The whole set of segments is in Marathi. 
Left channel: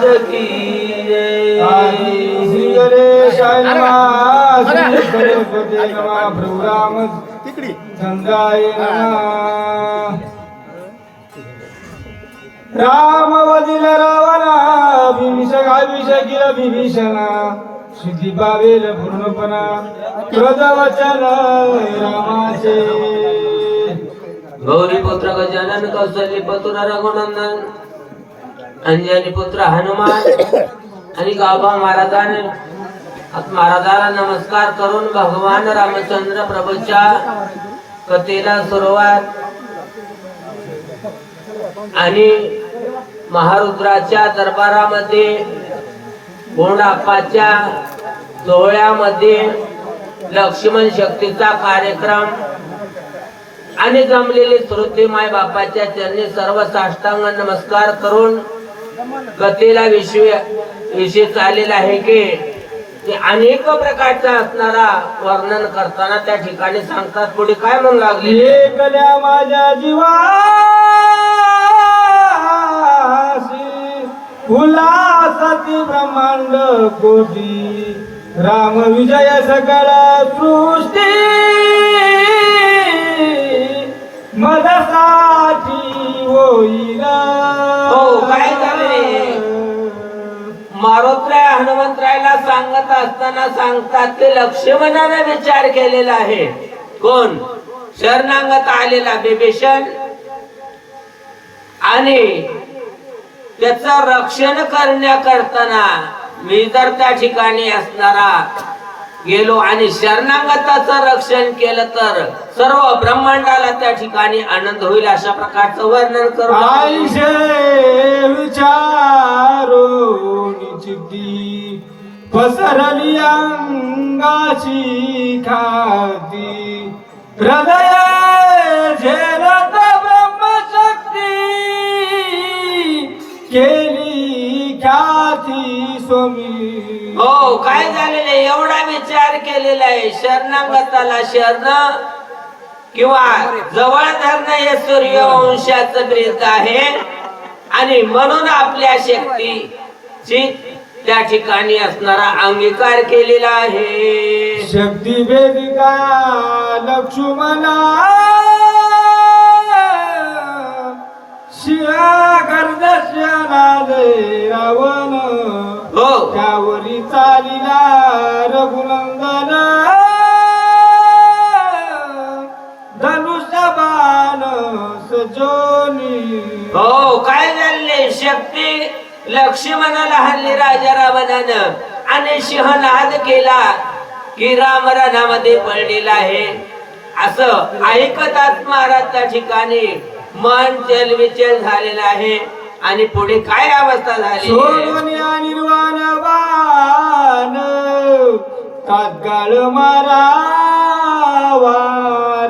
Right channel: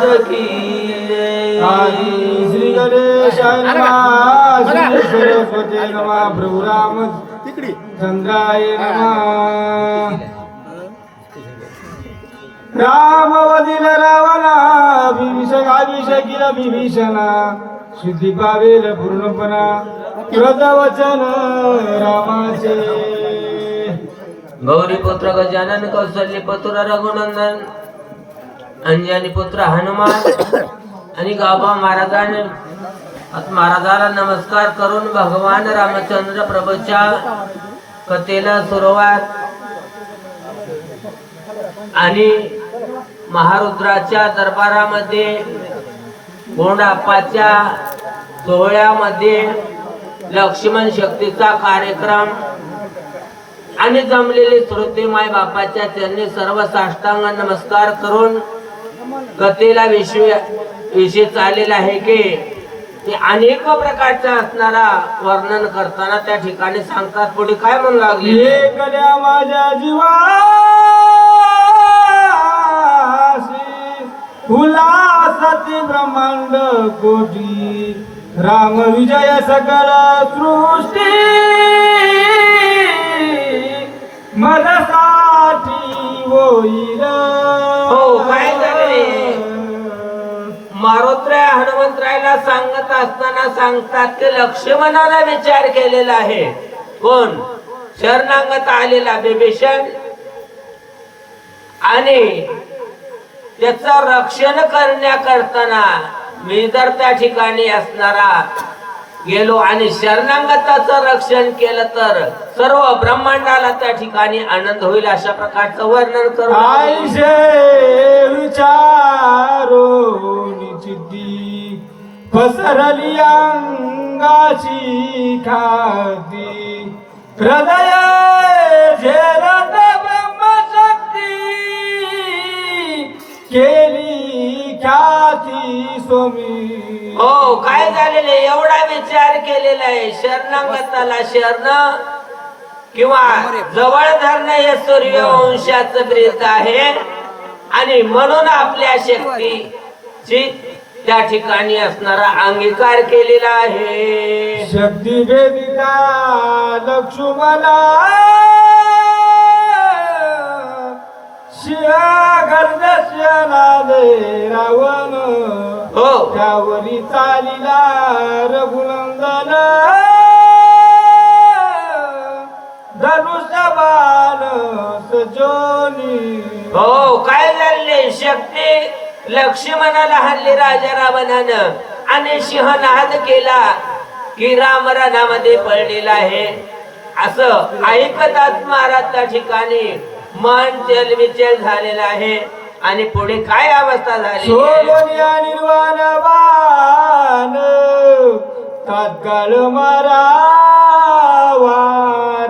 महाराज की. श्री गणेशाय? नमः प्रभू राम तिकडी. चंद्राय नमः. राम वदिल रावणा विभीषण अभिषेकिल विभीषण सिद्धी पावेल पूर्णपणा प्रदवचन रामाचे. गौरी पुत्र गजानन कौशल्य पुत्र रघुनंदन अंजनी पुत्र हनुमान आणि गाबा महाराजाने महाराजाला नमस्कार करून भगवान रामचंद्र प्रभूच्या कथेला सुरुवात आणि महारुद्राच्या दरबारामध्ये गुणाप्पाच्या सोहळ्यामध्ये लक्ष्मण शक्तीचा कार्यक्रम आणि जमलेले श्रोते माय बापाच्या चरणी सर्व साष्टांग नमस्कार करून कथेला विषय विषय चाललेला आहे की ते अनेक प्रकारचा असणारा वर्णन करताना त्या ठिकाणी सांगतात. पुढे काय म्हणू लागले? एकल्या माझ्या जीवासी सती ब्रह्मांड कोटी राम विजय सकळ सृष्टी. मदसा होईल हो, काय हनुमंतरायला सांगत असताना सांगतात की लक्ष्मणाला विचार केलेला आहे. कोण? शरणांगत आलेला बिभीषण. आणि त्याच रक्षण करण्याकरताना मी जर त्या ठिकाणी असणारा गेलो आणि शरणागताचं रक्षण केलं तर सर्व ब्रह्मांडाला त्या ठिकाणी आनंद होईल अशा प्रकारचं वर्णन करू आईशे पसरली अंगाची खाती. हृदय झेलत ब्रह्मशक्ती. केली ख्याती स्वामी. हो काय झालेलं आहे? एवढा विचार केलेला आहे. शरणागताला शरण किंवा जवळ धरणं हे सूर्यवंशाचं ब्रीत आहे. आणि म्हणून आपल्या शक्तीची त्या ठिकाणी असणारा अंगीकार केलेला आहे. शक्ती वेदिका लक्ष्मणा. शिया गर्दशनाले रावण. त्यावरी चालिला रघुनंदन. धनुष्य बाण सजोनी. हो काय झाले शक्ती लक्ष्मणाला हल्ली राजा रावणानं आणि सिंहनाद केला की राम रणामध्ये पडलेला आहे. असं ऐकतात महाराज त्या ठिकाणी. मन चलविचल झालेला आहे. आणि पुढे काय अवस्था झाली? सोडून या निर्वाण बाण तात्काळ मारा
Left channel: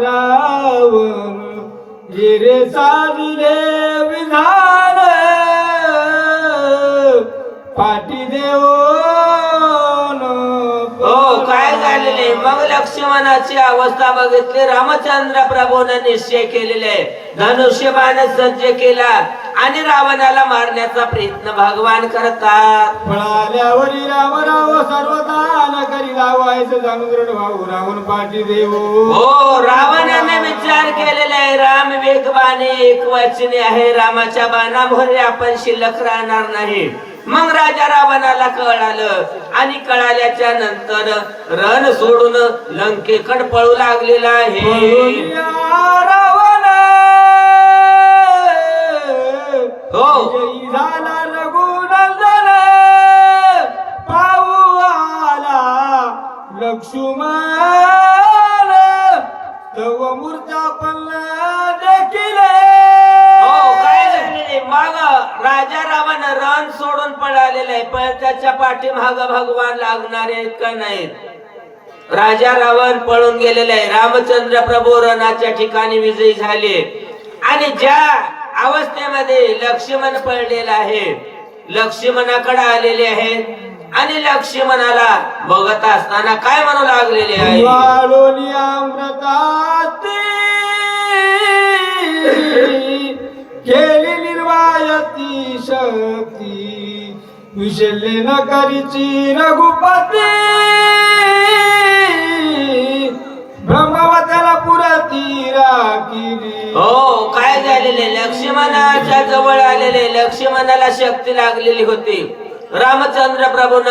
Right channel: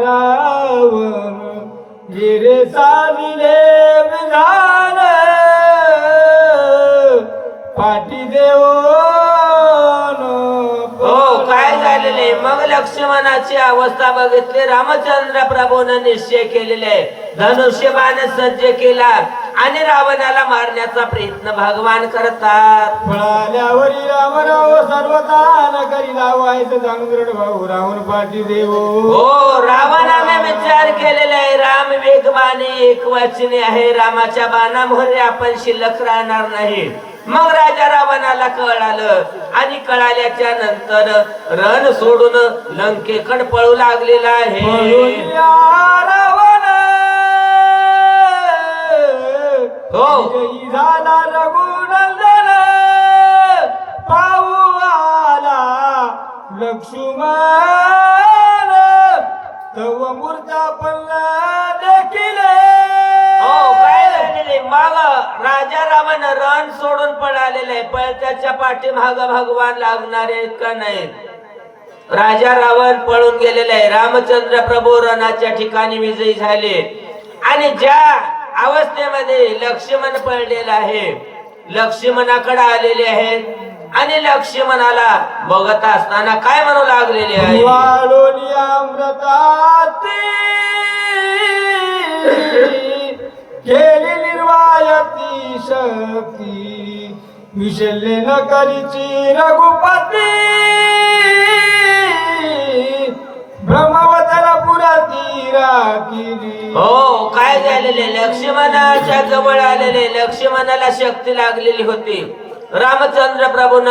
रावण गिरे साजिले विधान पाठी देऊन हो काय झालेले? मग लक्ष्मणाची अवस्था बघितली. रामचंद्र प्रभूने निश्चय केलेले. आहे धनुष्यबाण सज्ज केला. आणि रावणाला मारण्याचा प्रयत्न भगवान करतात. फळाल्यावरी रामराव सर्वदान करी लावायचं जाणून भाऊ राहून पाठी देव. हो रावणाने विचार केलेला आहे. राम वेगवाने एक वाचने आहे. रामाच्या बाणामुळे आपण शिल्लक राहणार नाही. मग राजा रावणाला कळालं आणि कळाल्याच्या नंतर रण सोडून लंकेकड पळू लागलेला आहे. लक्ष्मण तव मूर्ता पण देखील हो काय झालेले माग राजा रावण रण सोडून पळालेला आहे पण त्याच्या पाठीमाग भगवान लागणारे आहेत का नाहीत? राजा रावण पळून गेलेला आहे. रामचंद्र प्रभू रणाच्या ठिकाणी विजयी झाले. आणि ज्या अवस्थेमध्ये लक्ष्मण पडलेला आहे लक्ष्मणाकडे आलेले आहेत आणि लक्ष्मणाला बघत असताना काय म्हणू लागलेले आहे? वाढोली अमृताती केली निर्वायती शक्ती विशल्य न करीची रघुपती. ब्रह्मवतला पुराती राखिली. हो काय झालेले? लक्ष्मणाच्या जवळ आलेले लक्ष्मणाला शक्ती लागलेली होती. रामचंद्र प्रभून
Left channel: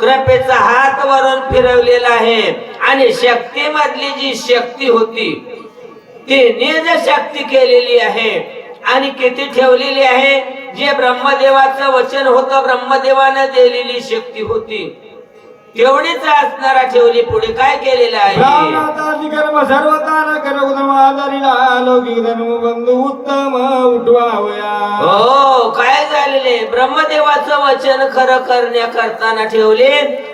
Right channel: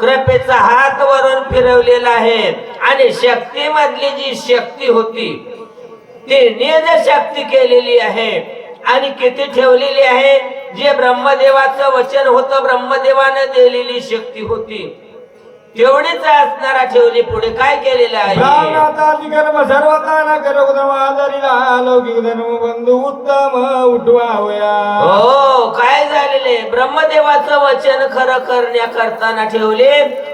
कृपेचा हात वरून फिरवलेला आहे. आणि शक्ती मधली जी शक्ती होती ती निज शक्ती केलेली आहे. आणि किती ठेवलेली आहे? जे ब्रह्मदेवाचं वचन होतं ब्रह्मदेवाने दिलेली शक्ती होती. तेवढीच असणारा ठेवली पुढे काय केलेलं आहे? सर्वताना आदरिला धर्म बंधू उत्तम उठवावया. हो काय झालेले? ब्रह्मदेवाचं वचन खरं करण्या करताना ठेवले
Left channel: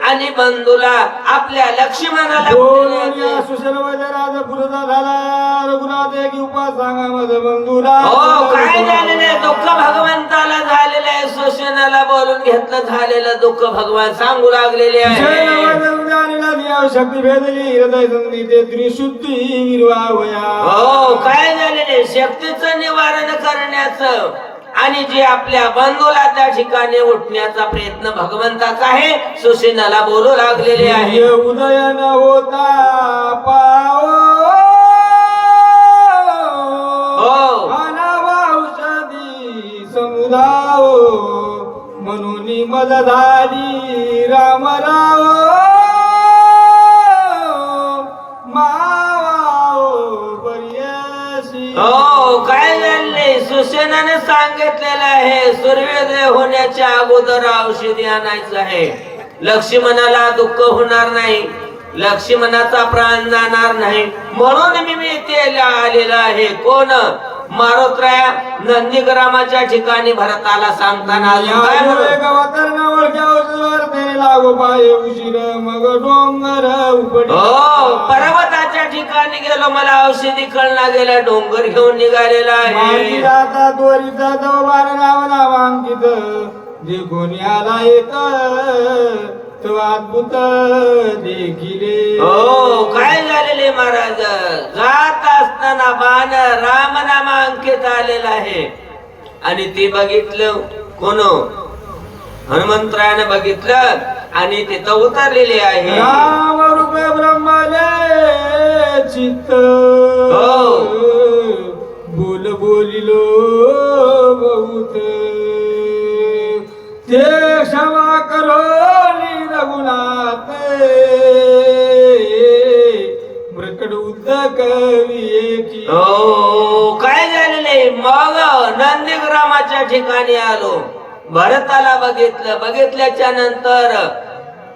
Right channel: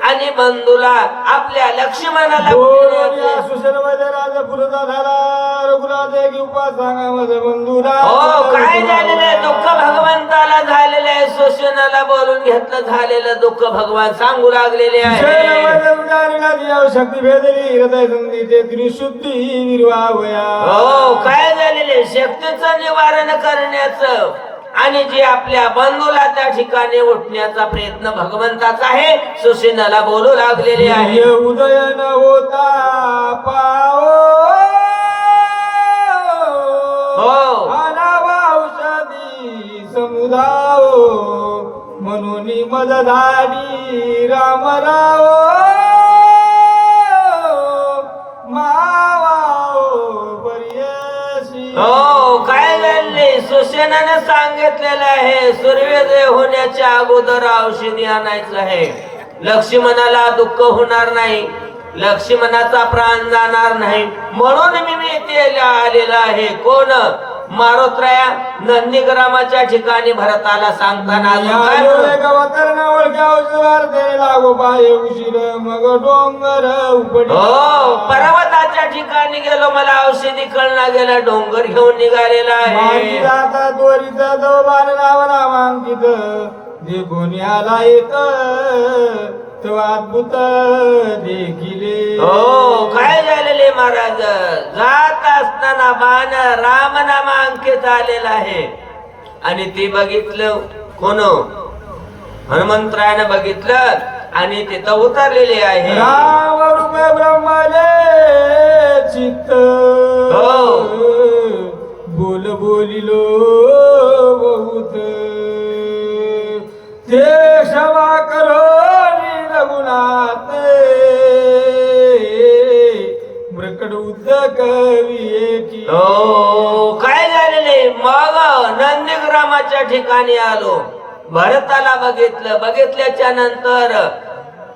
आणि बंधूला आपल्या लक्ष्मणाला सुशल राज पुरता झाला रघुनाथ एक उपास सांगा माझे बंधुरा हो काय झालेलं दुःख भगवंताला आहे शोषणाला बोलून घेतलं झालेलं दुःख भगवान सांगू लागलेले आहे. शक्ती भेदली हृदय संधी ते त्रिशुद्धी विरवावया. हो काय झालेले शक्तीचं निवारण करण्याचं आणि जे आपल्या बंधूला त्या ठिकाणी उठण्याचा प्रयत्न भगवंताचा आहे सुशेनाला बोलू लागलेले आहे. हे उदय न होता मदधारी मज रामराव हो काय झाले? सुसेनाने सांगितलेलं आहे सूर्योदय होण्याच्या अगोदर औषधी आणायचं आहे. लक्ष्मणाला दुःख होणार नाही. लक्ष्मणाचा प्राण जाणार नाही. म्हणून मी मी इथे आलेला आहे. कोण? मारोत्रया नंदीग्रामाच्या ठिकाणी भरताला सांगताना हो पर्वताच्या ठिकाणी गेलो मला औषधी कळना गेला डोंगर घेऊन निघालेला आहे. कोणी आला येत अद्भुत देखिले हो काय झालेले महाराज? जात असताना बाण राम नामांकित आलेला आहे. आणि ते बघितलं कोण? हनुमंतरायानं बघितलं आणि तिथं उतरलेले आहे. राम रूप ब्रह्मले चित्त. हो. बोल बोलिलो. प्रकट उद्द हो काय झालेले मग नंदीग्रामाच्या ठिकाणी आलो. भरताला बघितलं. बघितल्याच्या नंतर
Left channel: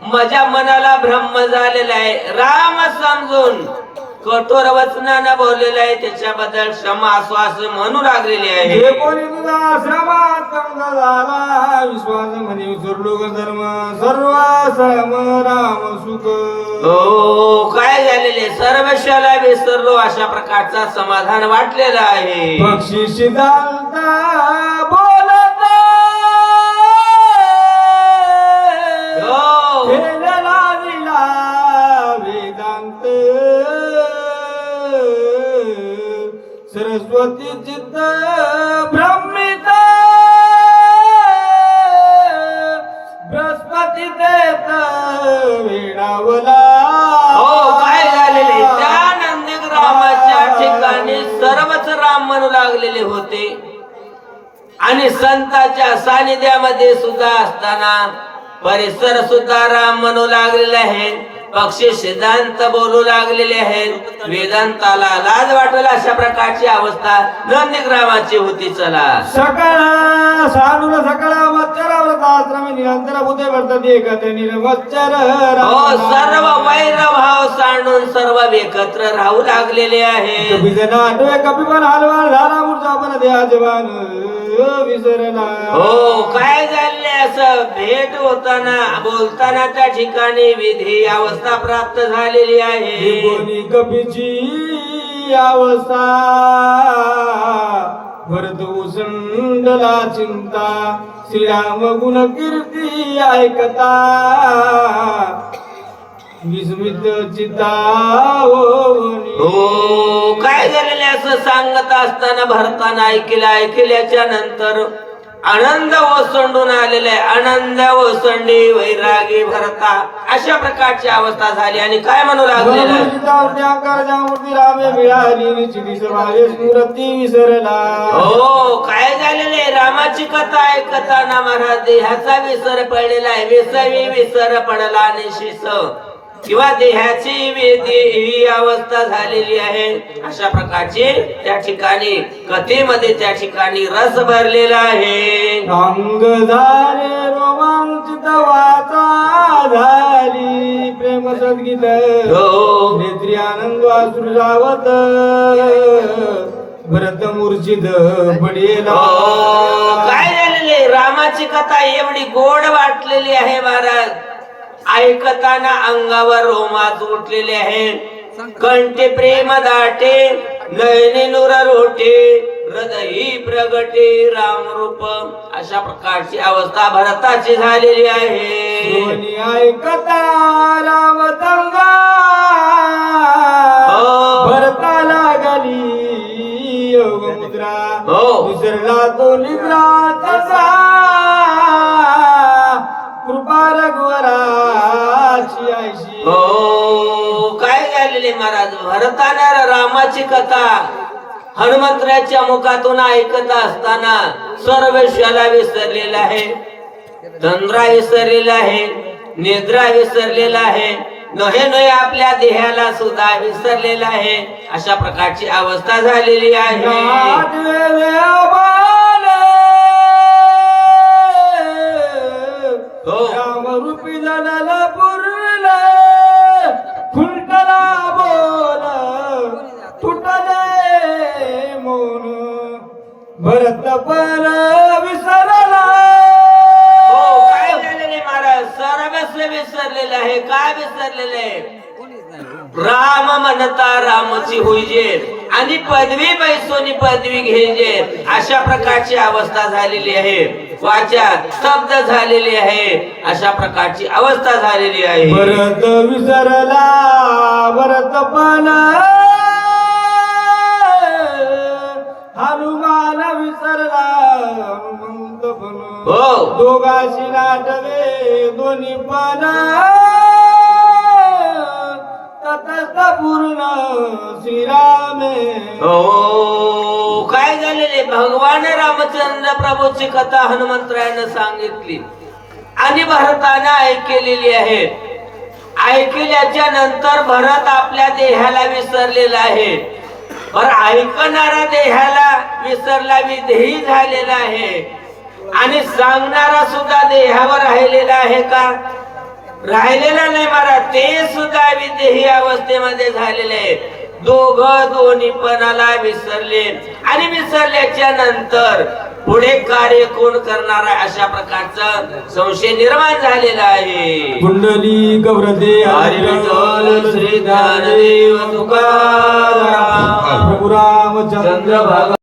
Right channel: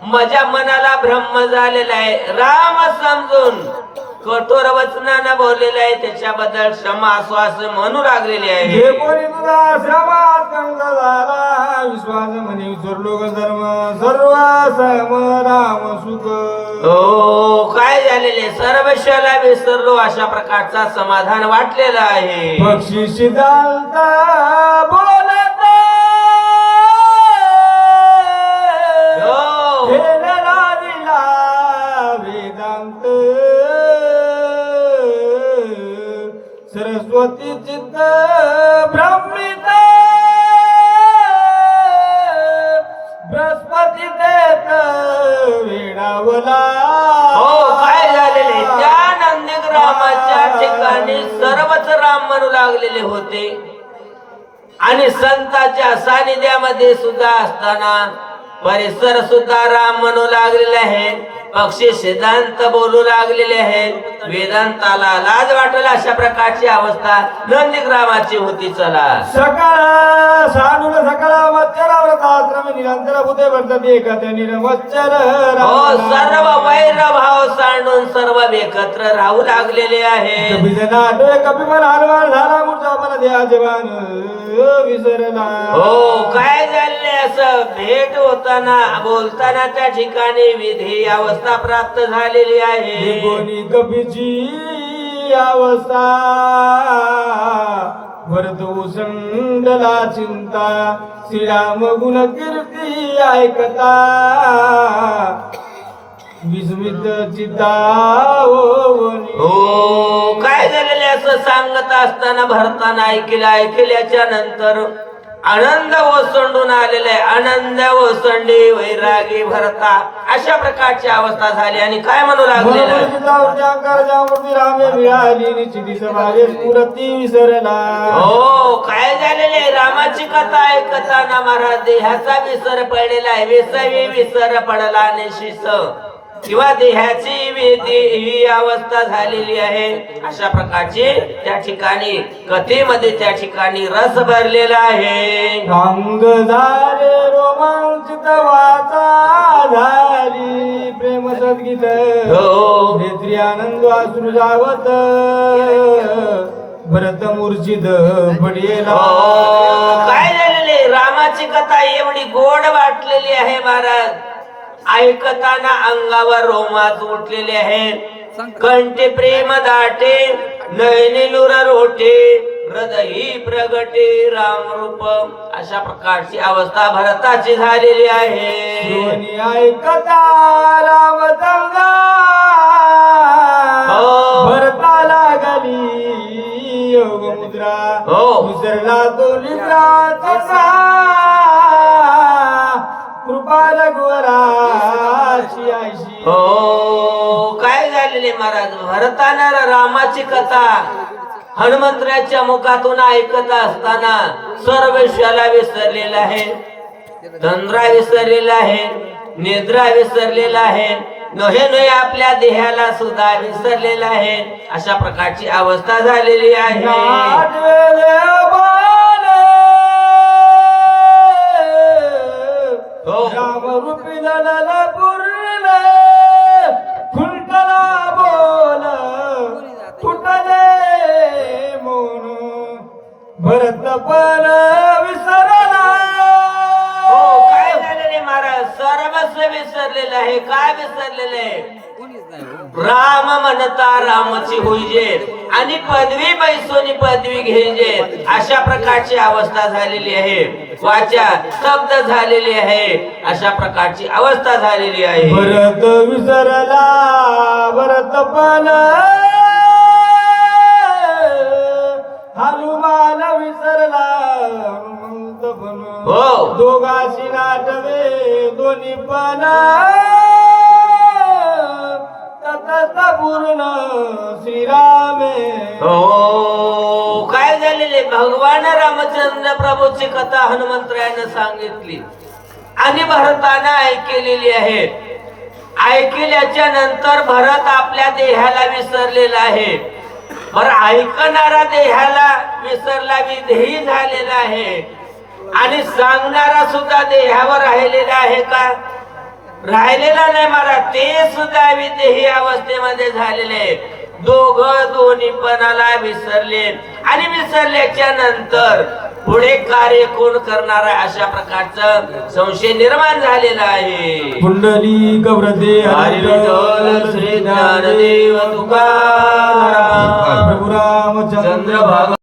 माझ्या मनाला ब्रह्म झालेला आहे. राम समजून कठोर वचनानं बोललेलं आहे त्याच्याबद्दल क्षमा आश्वास म्हणू लागलेले हे आहे कोणी तुझा श्रमात चांगला झाला विश्वास म्हणे सर्व धर्म सर्व सम राम सुख. हो काय झालेले? सर्व शाला विसरलो अशा प्रकारचा समाधान वाटलेला आहे. पक्षी शिदालता हो, लागलेले होते. आणि संताच्या सानिध्यामध्ये सुद्धा असताना परिसर सुद्धा राम म्हणू लागलेले आहेत. पक्षी सिद्धांत बोलू लागलेले आहेत. वेदांताला लाज वाटेल अशा प्रकारची अवस्था नंदीग्रामाची होती चला. सकाळ सानुर सकाळ मच्छर व्रताश्रम निरंतर बुधे वर्तते एकत्र निरवच्चर हो सर्व वैर भाव सांडून सर्व एकत्र राहू लागलेले आहेत. कपिजनाटे कपिबल हरवार झाला मूर्चा पण द्या देवान. विसरला हो काय झाले असं? भेट होताना बोलताना त्या ठिकाणी विधी अवस्था प्राप्त झालेली आहे. कपीची अवस्था. भरत उसंडला चिंता. श्रीराम गुण कीर्ती ऐकता. विस्मित. हो काय झालेले असं सांगत असताना भरताना ऐकलं ऐकल्याच्या नंतर आनंद ओसंडून आलेला आहे. आनंद ओसंडी वैरागी भरता अशा प्रकारची अवस्था झाली आणि काय म्हणू लागलेलं विसरला. हो काय झालेलं रामाची कथा ऐकताना महाराज देहाचा विसर पडलेला आहे. विसवी विसर पडला आणि शिस किंवा देहाची ही अवस्था झालेली आहे. अशा प्रकारची त्या ठिकाणी कथेमध्ये त्या ठिकाणी रस भरलेला आहे. अंग झाले रोमांचित वाचा झाली प्रेम सगळीत हो. नेत्री आनंद असून जावत भरत मूर्छित पडेला हो, काय झालेलं रामाची कथा एवढी गोड वाटलेली आहे महाराज. ऐकताना अंगावर रोमाच उठलेले आहे कंठे प्रेम दाटे नयने नुर रोटे हृदयी प्रगटे राम रूप. अशा प्रकारची अवस्था भरताची झालेली आहे. ऐकता रामचंद्र हो. भरताला गेली योग मुद्रा हो. विसरला तो निद्रा तसा. कृपा रघुवराची हो काय झालेले महाराज? भरताना रामाची कथा हनुमंतराच्या मुखातून ऐकत असताना सर्व विश्वाला विसरलेला आहे तंद्रा विसरलेला आहे निद्रा विसरलेला आहे नहे नहे आपल्या देहाला सुद्धा विसरलेला आहे. अशा प्रकारची अवस्था झालेली आहे. रामरूपी जडल पुरले खुंटला बोल तुटले मोन भरत पण विसरला. हो काय झालेले महाराज? सर्वस्व विसरलेले आहे. काय विसरलेले? आहे राम म्हणता रामची होईजे आणि पदवी बैसोनी पदवी घ्यायचे. अशा प्रकारची अवस्था झालेली आहे. वाचा स्तब्ध झालेली आहे. अशा प्रकारची अवस्था झालेली आहे. भरत विसरला भरत पण. हनुमान विसरला हनुमंत पण. हो. दोघाशी नाटवे दोन्ही पण. तटस्थ पूर्ण श्रीरामे. हो काय झालेले? भगवान रामचंद्र प्रभूची कथा हनुमंतरायाने सांगितली. आणि भरताना ऐकलेली आहे. ऐकल्याच्या नंतर भरत आपल्या देहाला विसरलेला आहे. बरं ऐकणारा देहाला विसरला विधेयी झालेला आहे. आणि सांगणारा सुद्धा देहावर राहिलेला आहे का? राहिलेला नाही मला ते सुद्धा विदेही अवस्थेमध्ये झालेले. दोघ दोन्ही पणाला विसरले. आणि विसरल्याच्या नंतर पुढे कार्य कोण करणार आहे अशा प्रकारचं संशय निर्माण झालेला आहे. कुंडली गौरदे हरी विठ्ठल श्री ज्ञानदेव तुकाराम रामचंद्र चंद्र भाग